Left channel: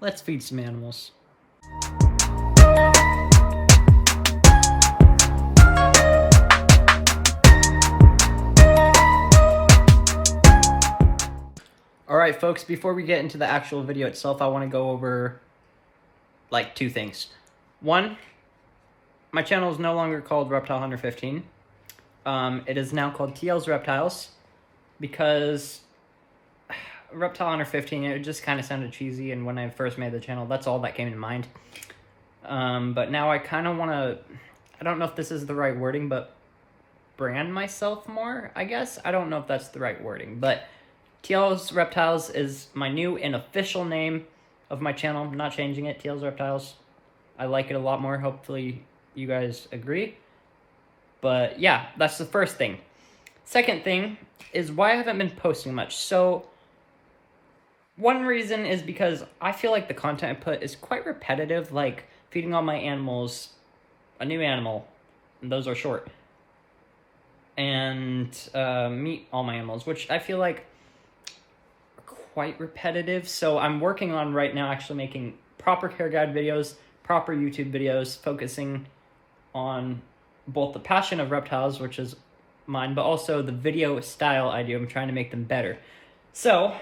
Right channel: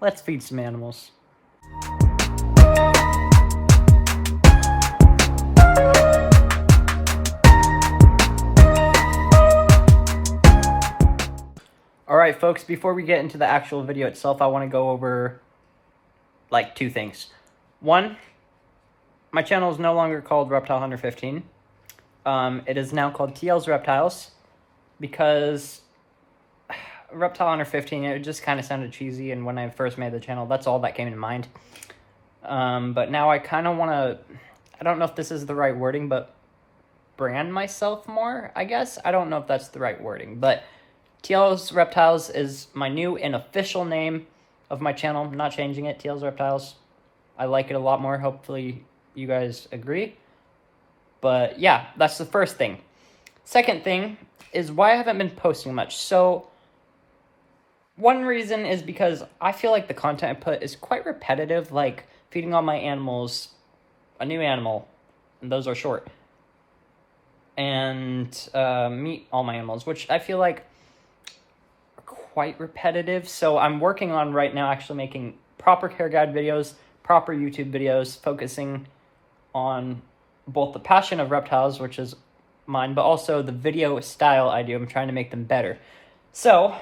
let's feed some animals. Alright folks, before we get into the actual video itself, I want to go over like two things. One, my channel is no longer called Reptile Hunter 15. It is now called TL's Reptiles because Reptile Hunter 15, it just kind of sounded cheesy, and when I first made the channel, that's all that came to mind. But now I kind of want to, I don't know if this is the right wording, but brand myself more, I guess. I don't know if that's the right wording, but TL's Reptiles is my new and official name of my channel. I'm not changing it, TL's Reptiles. I like it a lot more. Hopefully you guys agree. But yeah, that's the first thing. Second thing is why I haven't been posting much. So one reason is because I feel like the content I put is quite repetitive, like feeding all my animals a new animal, and those are short. And meet all my animals, which I feel like quite repetitive. So I'm working on right now actually making proper care guide videos, proper YouTube videos, focusing on both the passion of reptiles, which is mine, but also the video style I do. I'm trying to make them better. So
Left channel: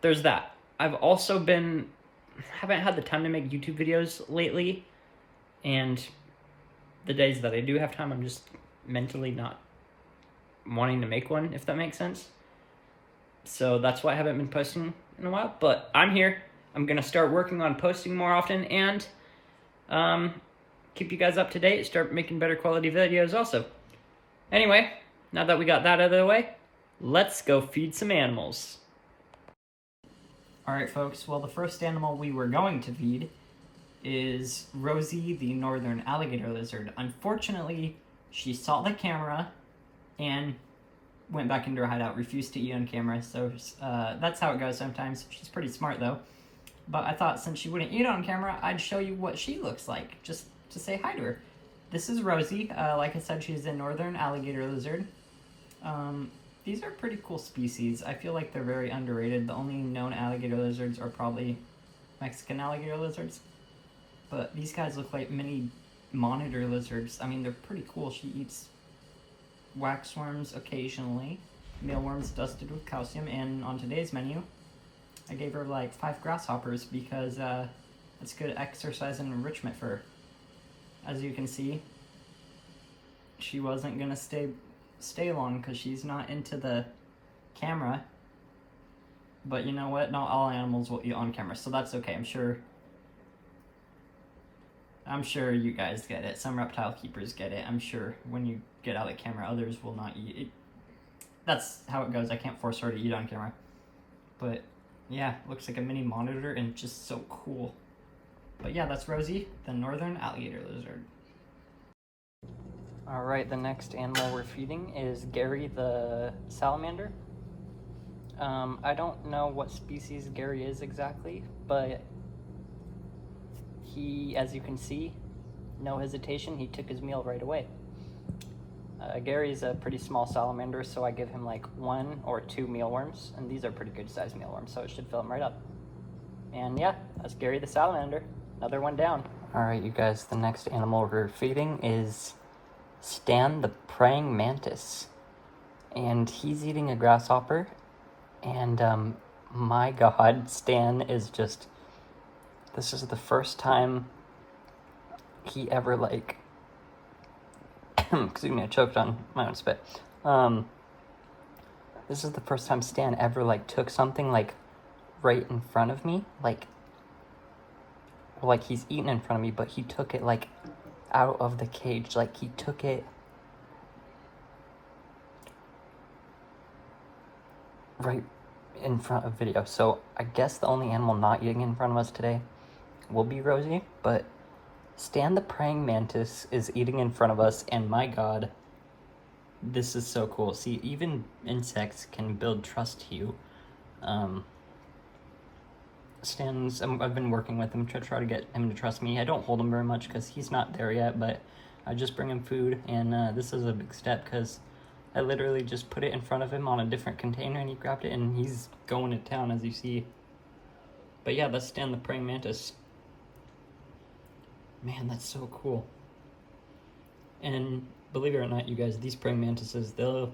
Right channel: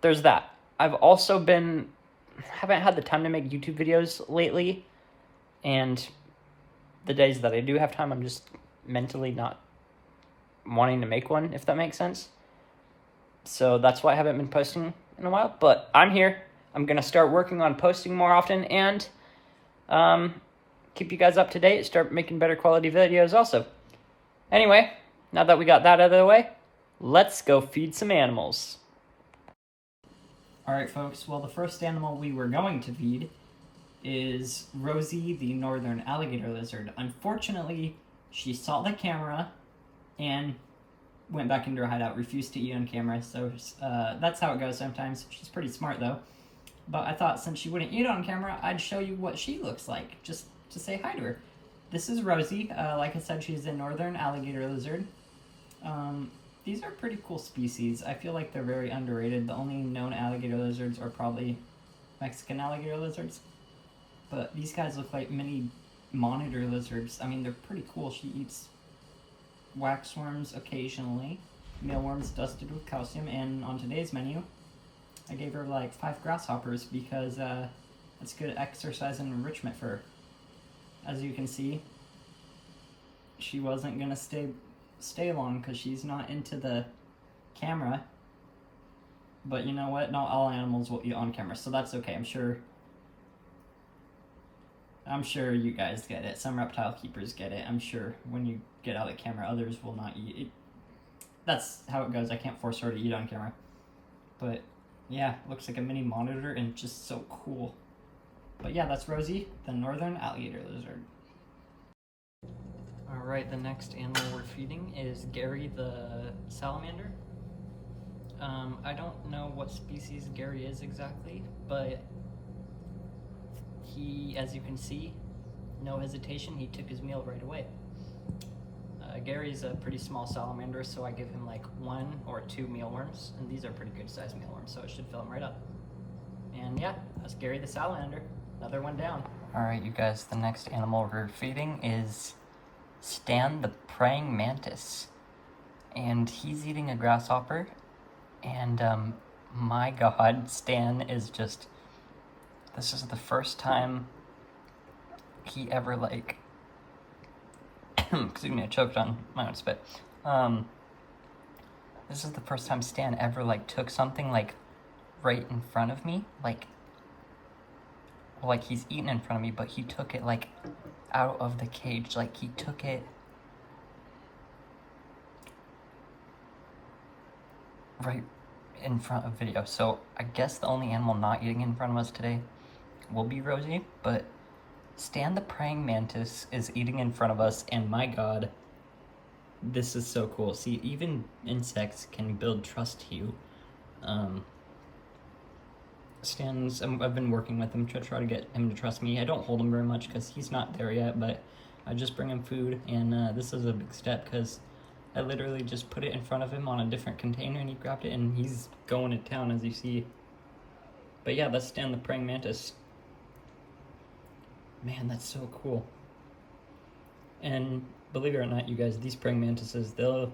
there's that. I've also haven't had the time to make YouTube videos lately, and the days that I do have time, I'm just mentally not wanting to make one, if that makes sense. So that's why I haven't been posting in a while, but I'm here. I'm going to start working on posting more often and keep you guys up to date, start making better quality videos also. Anyway, now that we got that out of the way, let's go feed some animals. Alright folks, well the first animal we were going to feed is Rosie, the northern alligator lizard. Unfortunately, she saw the camera and went back into her hideout, refused to eat on camera, so that's how it goes sometimes. She's pretty smart though. But I thought since she wouldn't eat on camera, I'd show you what she looks like, just to say hi to her. This is Rosie. Like I said, she's a northern alligator lizard. These are pretty cool species. I feel like they're very underrated. The only known alligator lizards are probably Mexican alligator lizards. But these guys look like mini monitor lizards. I mean, they're pretty cool. She eats waxworms occasionally, mealworms dusted with calcium, and on today's menu, I gave her like 5 grasshoppers because it's good exercise and enrichment for her. As you can see, she wasn't gonna stay long because she's not into the camera. But you know what? Not all animals will eat on camera, so that's okay. I'm sure you guys get it. Some reptile keepers get it. I'm sure when you get out of the camera, others will not eat it. That's how it goes. I can't force her to eat on camera. But yeah, looks like a mini monitor and just so cool. But yeah, that's Rosie, the northern alligator lizard. Alright, the next animal we're feeding is Gary the salamander. I don't know what species Gary is exactly, but he, as you can see, no hesitation, he took his meal right away. Gary's a pretty small salamander, so I give him like 1 or 2 mealworms, and these are pretty good sized mealworms, so it should fill him right up. And yeah, that's Gary the salamander. Another one down. Alright you guys, the next animal we're feeding is Stan the praying mantis. And he's eating a grasshopper, and my god, Stan is just, this is the first time he ever like, excuse me, I choked on my own spit. This is the first time Stan ever like took something like right in front of me, like he's eating in front of me, but he took it like out of the cage, like he took it right in front of video. So I guess the only animal not eating in front of us today will be Rosie, but Stan the praying mantis is eating in front of us, and my god, this is so cool. See, even insects can build trust to you. I've been working with him to try to get him to trust me. I don't hold him very much because he's not there yet, but I just bring him food, and this is a big step because I literally just put it in front of him on a different container and he grabbed it and he's going to town, as you see. But But yeah, let's stand the praying mantis. Man, that's so cool. And believe it or not, you guys, these praying mantises, you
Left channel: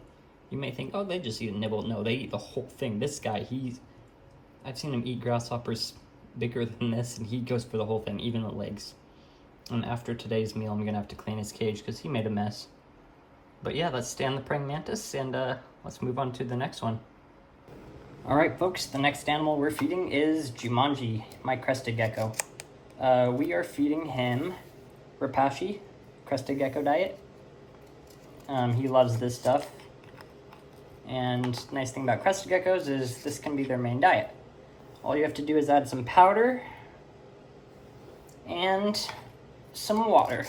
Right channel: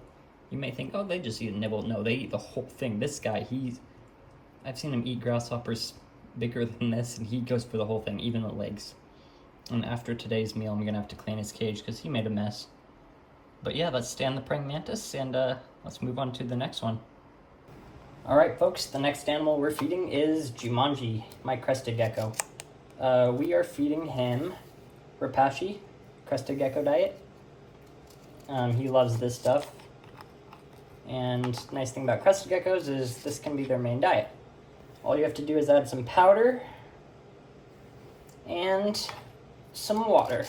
may think, oh, they just eat a nibble. No, they eat the whole thing. This guy, I've seen him eat grasshoppers bigger than this, and he goes for the whole thing, even the legs. And after today's meal, I'm gonna have to clean his cage because he made a mess. But yeah, let's stand the praying mantis, and let's move on to the next one. All right, folks, the next animal we're feeding is Jumanji, my crested gecko. We are feeding him Rapashi, crested gecko diet. He loves this stuff. And nice thing about crested geckos is this can be their main diet. All you have to do is add some powder and some water.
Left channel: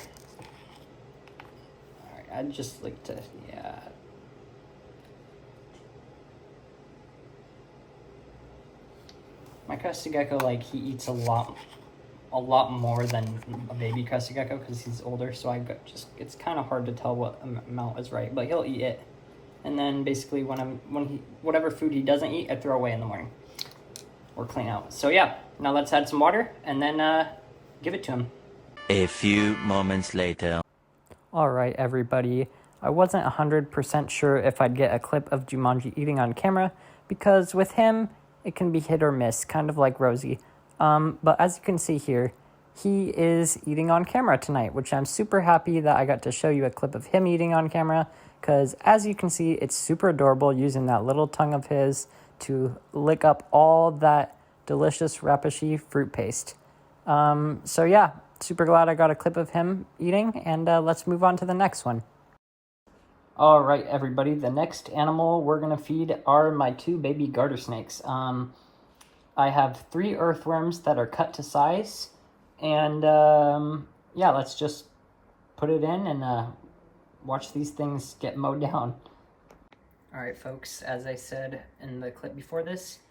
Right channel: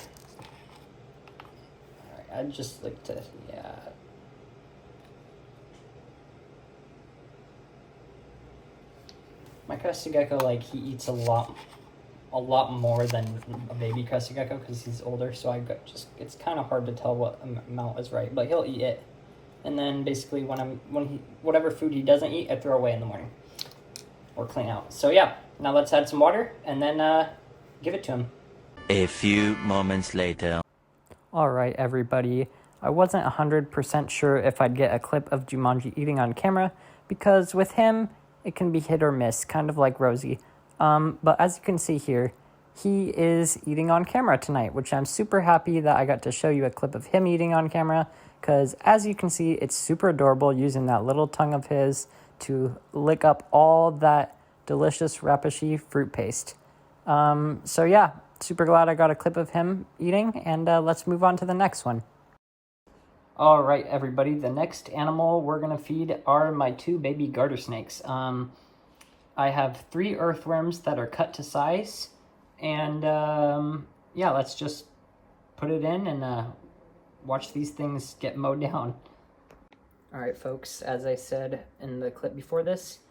All right, I'd just like to, yeah. My crested gecko, like, he eats a lot more than a baby crested gecko because he's older, so it's kind of hard to tell what amount is right, but he'll eat it. And then basically whatever food he doesn't eat, I throw away in the morning or clean out. So yeah, now let's add some water and then give it to him. A few moments later. All right, everybody. I wasn't 100% sure if I'd get a clip of Jumanji eating on camera because with him, it can be hit or miss, kind of like Rosie. But as you can see here, he is eating on camera tonight, which I'm super happy that I got to show you a clip of him eating on camera, because as you can see, it's super adorable using that little tongue of his to lick up all that delicious Rapashi fruit paste. So yeah, super glad I got a clip of him eating, and let's move on to the next one. All right, everybody, the next animal we're gonna feed are my 2 baby garter snakes. I have 3 earthworms that are cut to size, and yeah, let's just put it in and watch these things get mowed down. All right, folks, as I said in the clip before this,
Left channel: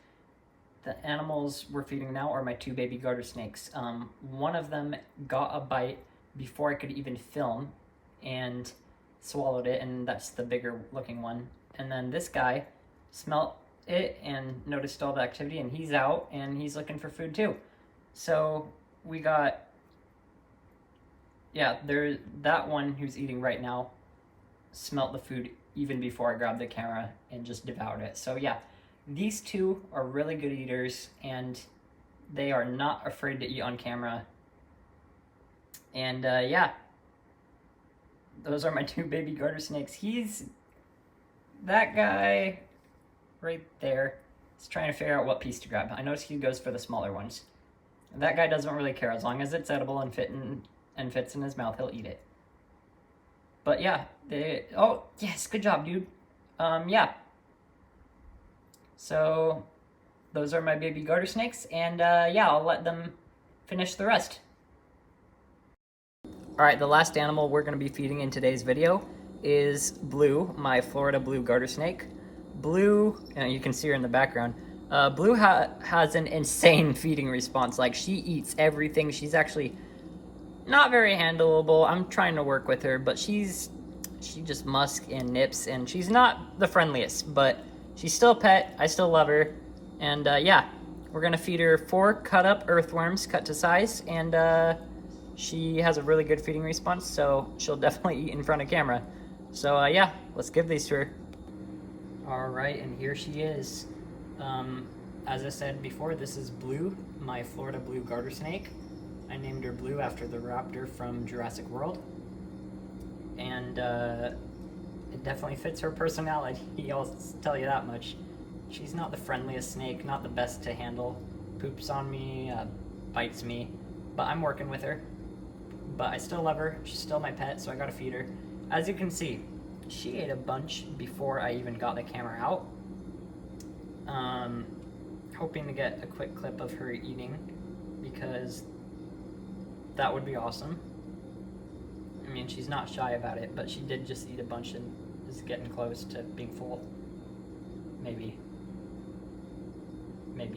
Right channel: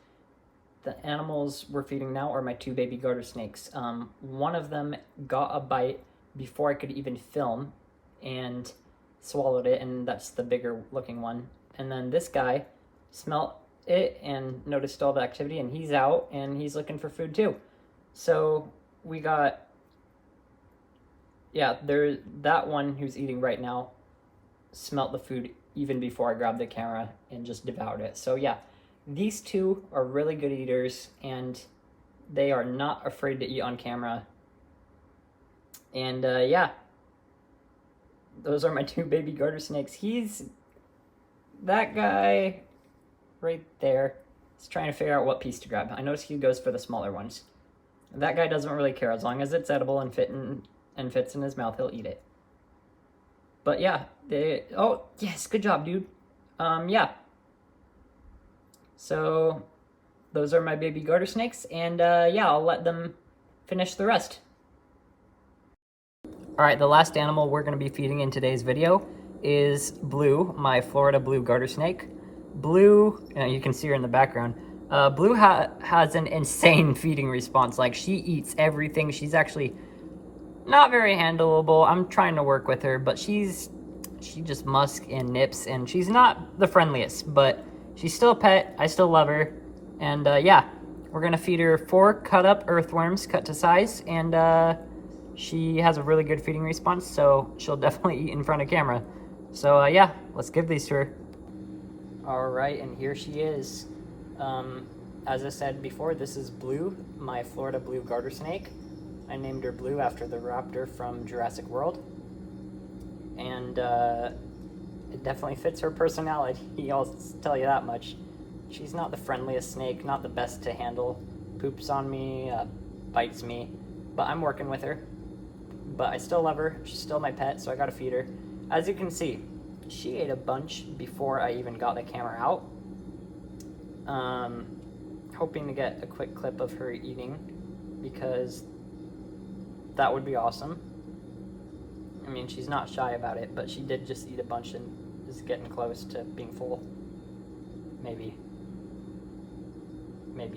the animals we're feeding now are my 2 baby garter snakes. One of them got a bite before I could even film and swallowed it, and that's the bigger looking one. And then this guy smelt it and noticed all the activity, and he's out and he's looking for food too. So we got, yeah, that one who's eating right now smelt the food even before I grabbed the camera and just devoured it. So yeah, these 2 are really good eaters, and they are not afraid to eat on camera. And yeah, those are my 2 baby garter snakes. That guy right there is trying to figure out what piece to grab. I notice he goes for the smaller ones. That guy doesn't really care. As long as it's edible and fits in his mouth, he'll eat it. But yeah, oh yes, good job, dude. Yeah. So those are my baby garter snakes, and yeah, I'll let them finish the rest. All right, the last animal we're going to be feeding in today's video is Blue, my Florida blue garter snake. Blue, you can see her in the background. Blue has an insane feeding response. Like, she eats everything. She's actually not very handleable. I'm trying to work with her, but she just musks and nips, and she's not the friendliest, but she's still a pet. I still love her. And yeah, we're going to feed her 4 cut up earthworms cut to size, and she has a really good feeding response, so she'll definitely eat in front of camera. So yeah, let's give these to her. All right, and here she is. As I said before, this is Blue, my Florida blue garter snake. I named her Blue after the raptor from Jurassic World. And it definitely fits her personality, I'll tell you that much. She's not the friendliest snake, not the best to handle. Poops on me, bites me, but I'm working with her. But I still love her. She's still my pet, so I gotta feed her. As you can see, she ate a bunch before I even got the camera out. Hoping to get a quick clip of her eating, because that would be awesome. I mean, she's not shy about it, but she did just eat a bunch and is getting close to being full. Maybe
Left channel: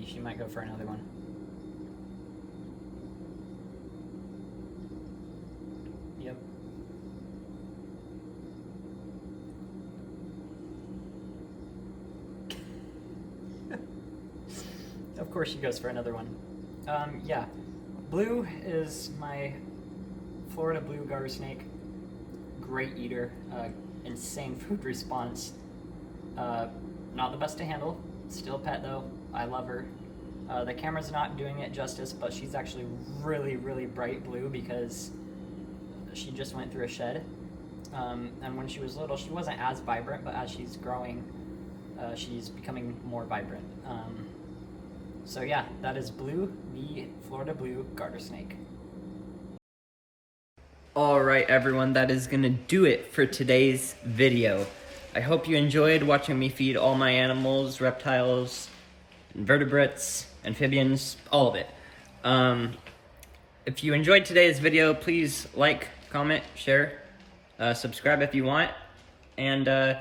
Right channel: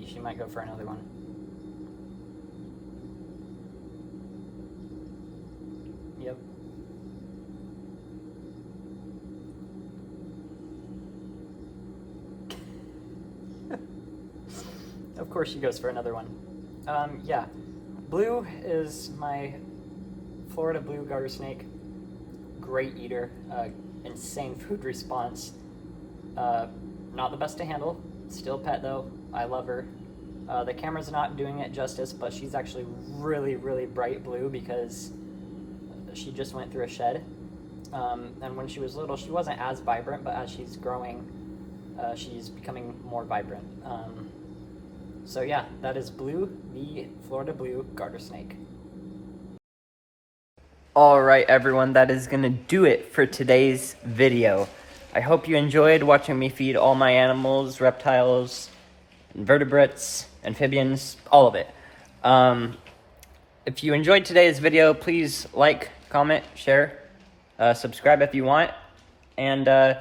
she might go for another one. Yep. Of course she goes for another one. Yeah. Blue is my Florida blue garter snake. Great eater, insane food response. Not the best to handle. Still pet though. I love her. The camera's not doing it justice, but she's actually really, really bright blue because she just went through a shed. And when she was little, she wasn't as vibrant, but as she's growing, she's becoming more vibrant. So yeah, that is Blue, the Florida blue garter snake. Alright everyone, that is gonna do it for today's video. I hope you enjoyed watching me feed all my animals, reptiles, invertebrates, amphibians, all of it. If you enjoyed today's video, please like, comment, share, subscribe if you want, and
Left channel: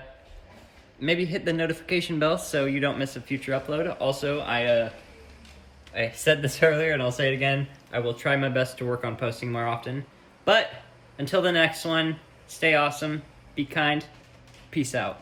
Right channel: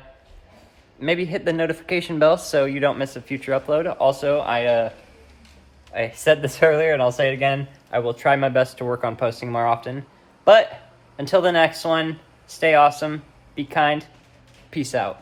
maybe hit the notification bell so you don't miss a future upload. Also, I said this earlier and I'll say it again, I will try my best to work on posting more often. But until the next one, stay awesome, be kind, peace out.